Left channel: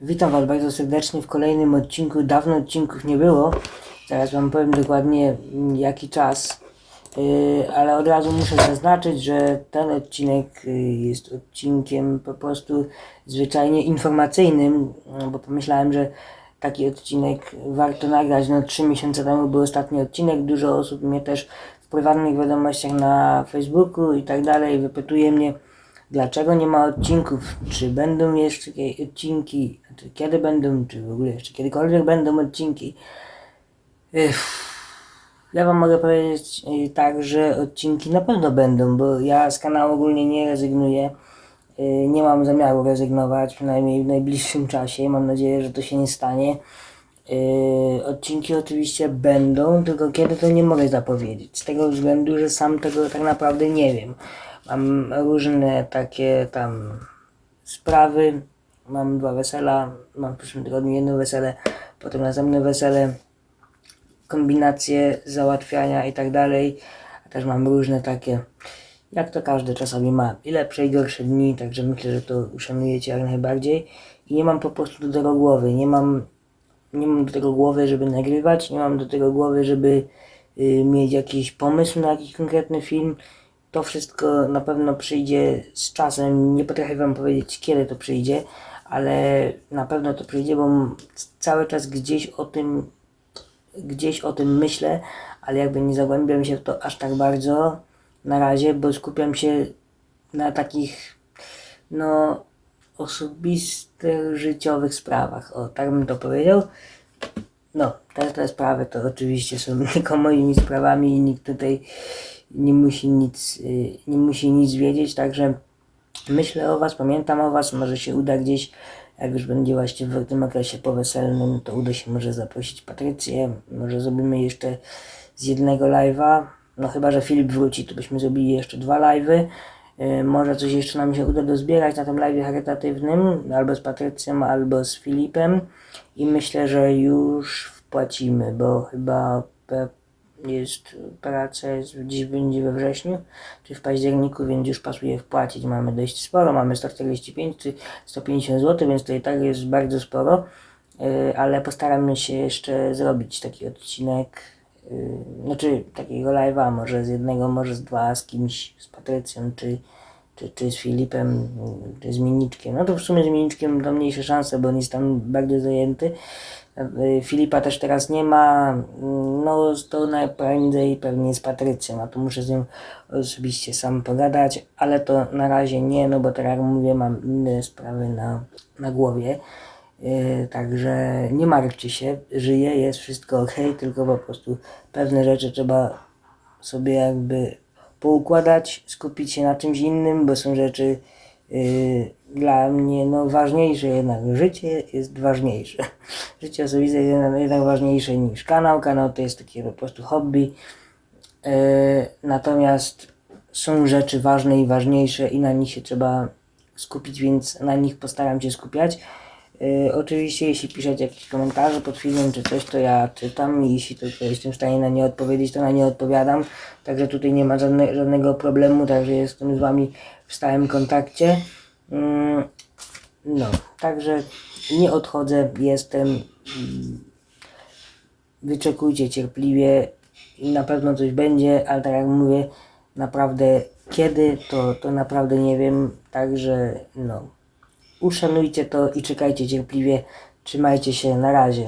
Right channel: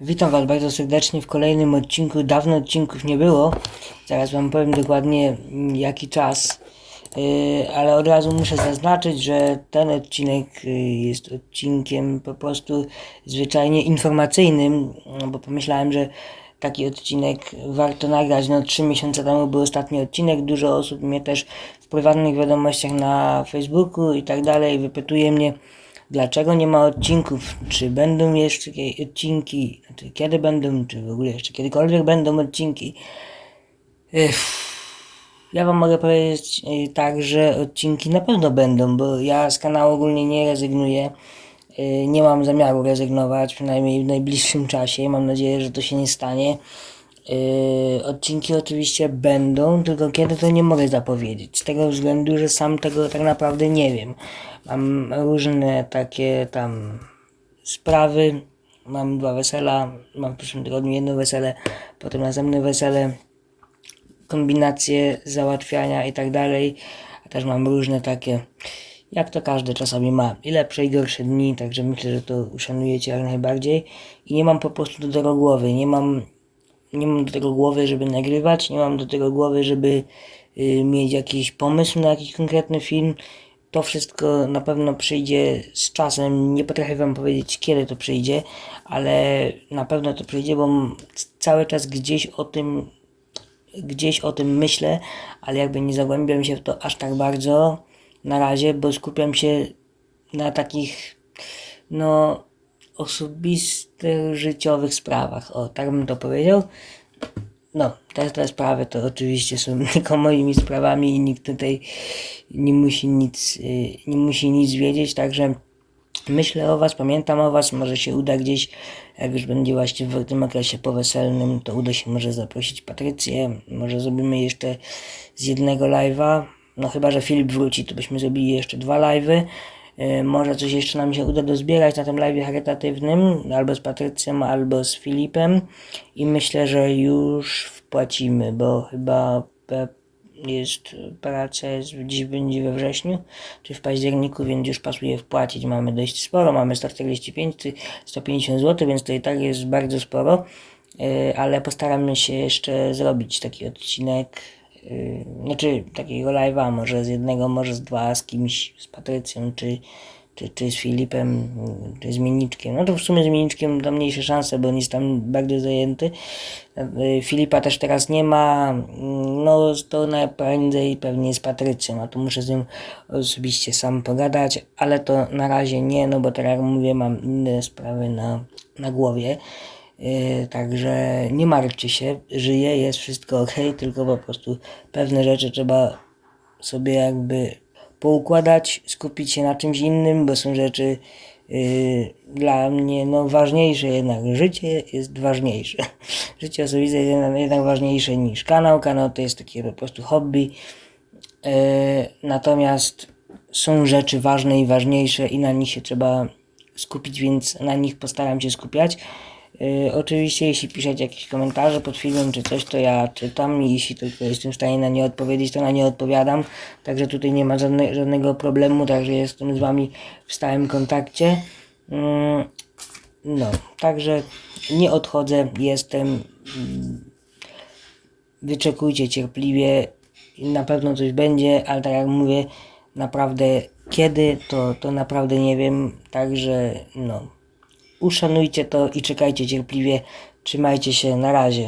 Witam Was bardzo serdecznie w kolejnym odcinku. Dawno odcinków nie było. Zaraz Wam powiem dokładnie mm, jaki czas. Yy, ale od razu muszę zaznaczyć, że ten odcinek yy, jest odcinkiem po prostu zwyczajnie informacyjnym, no bo pomyślałem, że taki odcinek warto nagrać. No, trzy miesiące temu był ostatni odcinek. Dużo osób mnie też w prywatnych wiadomościach na Facebooku i tak dalej wypytuje mnie, dlaczego nie ma odcinków, czy będą jeszcze jakieś odcinki, znaczy kiedy będą, czy w ogóle jeszcze kiedykolwiek będą odcinki. Ja Wam mogę powiedzieć y, tak, że odcinki na pewno będą, bo ja z kanału ogólnie nie rezygnuję. Y, Nie mam zamiaru rezygnować, przynajmniej w najbliższym czasie. Mam nadzieję, że to się nie stanie. Yy, odcinki oczywiście będą, tylko kiedy to nie mogę zapowiedzieć. Z tego względu, że sam tego tak naprawdę nie wiem. Mam różne takie tam sprawy. Mam dwa wesela, mam w przyszłym tygodniu jedno wesele, potem następne wesele, kombinacje załatwiania i tak dalej. A też mam różne takie, jak to każdy czasami ma, i lepsze i gorsze dni, także myślę, że to uszanujecie jak najbardziej. I nie mam po prostu do tego głowy, nie mam nie mam do tego głowy, żeby nagrywać, nie mam do tego głowy, żeby y, mieć jakiś pomysł na jakiś konkretny film. To wszystko na pewno przyjdzie z czasem. Nie potrafię Wam powiedzieć, kiedy to przyjdzie, ale na pewno to przyjdzie, bo cały czas gdzieś o tym, gdzieś o tym myślę, ale jakby nie zagłębiam się w to aż tak bardzo na razie, bo skupiam się na takich, no, osobistych, życiowych sprawach. O, tak bym to powiedział. No, te, te sprawy to oczywiście są tylko moimi sprawami i nikt tutaj nie musi nic, y, nie musi nic wiedzieć, także myślę o Was, pamiętam o Was, może się uda gdzieś, jak już będzie właśnie w tym okresie poweselnym, to uda się może zaprosić Patrycję, może zrobimy jeszcze z jednego live'a, no chyba, że Filip wróci, to byśmy zrobili jeszcze dwa live'y, Może coś jeszcze nam się uda dozbierać na tym live charytatywnym, albo z Patrycją, albo z Filipem. I myślę, że już wpłacimy, bo chyba jest praca jest dziś będzie we wrześniu, czy w październiku, więc już pasuje wpłacić. Mamy dość sporo, mamy 145 czy 150 zł, więc to i tak jest bardzo sporo. Y, Ale postaramy się jeszcze zrobić taki odcinek Yy, znaczy takiego live'a, może z jednego, może z dwa, z kimś, z Patrycją, czy, czy, czy z Filipem, yy, czy z Miniczkiem. No to w sumie z Miniczkiem to mniejsze szanse, bo on jest tam bardzo zajęty. Yy, Filipa też teraz nie ma, yy, no to najprędzej pewnie z Patrycją, a to muszę z nim osobiście sam pogadać, ale to na razie nie, no bo tak jak mówię, mam inne sprawy na, na głowie. Yy, także nie martwcie się, żyje, jest wszystko ok, tylko po prostu pewne rzeczy trzeba sobie jakby poukładać, skupić się na czymś innym, bo są rzeczy yy, dla mnie no, ważniejsze jednak. Życie jest ważniejsze. Życie osobiste jest jednak, ważniejsze niż kanał. Kanał to jest takie po prostu hobby. Yy, natomiast są rzeczy ważne i ważniejsze i na nich się trzeba skupić, więc na nich postaram się skupiać. Yy, oczywiście, jeśli piszecie jakieś komentarze pod filmem czy coś, to ja czytam i jeśli tylko jestem w stanie na nie odpowiedzieć, to na nie odpowiadam. Także tutaj nie ma żadne, żadnego problemu, także jestem z Wami w stałym kontakcie. Mm, no, także nie odchodzę, jestem. mm, Wyczekujcie cierpliwie, na pewno coś będzie, ale tak jak mówię, naprawdę kiedy, to, to naprawdę nie wiem, także no uszanujcie to i czekajcie cierpliwie. Trzymajcie się, na razie.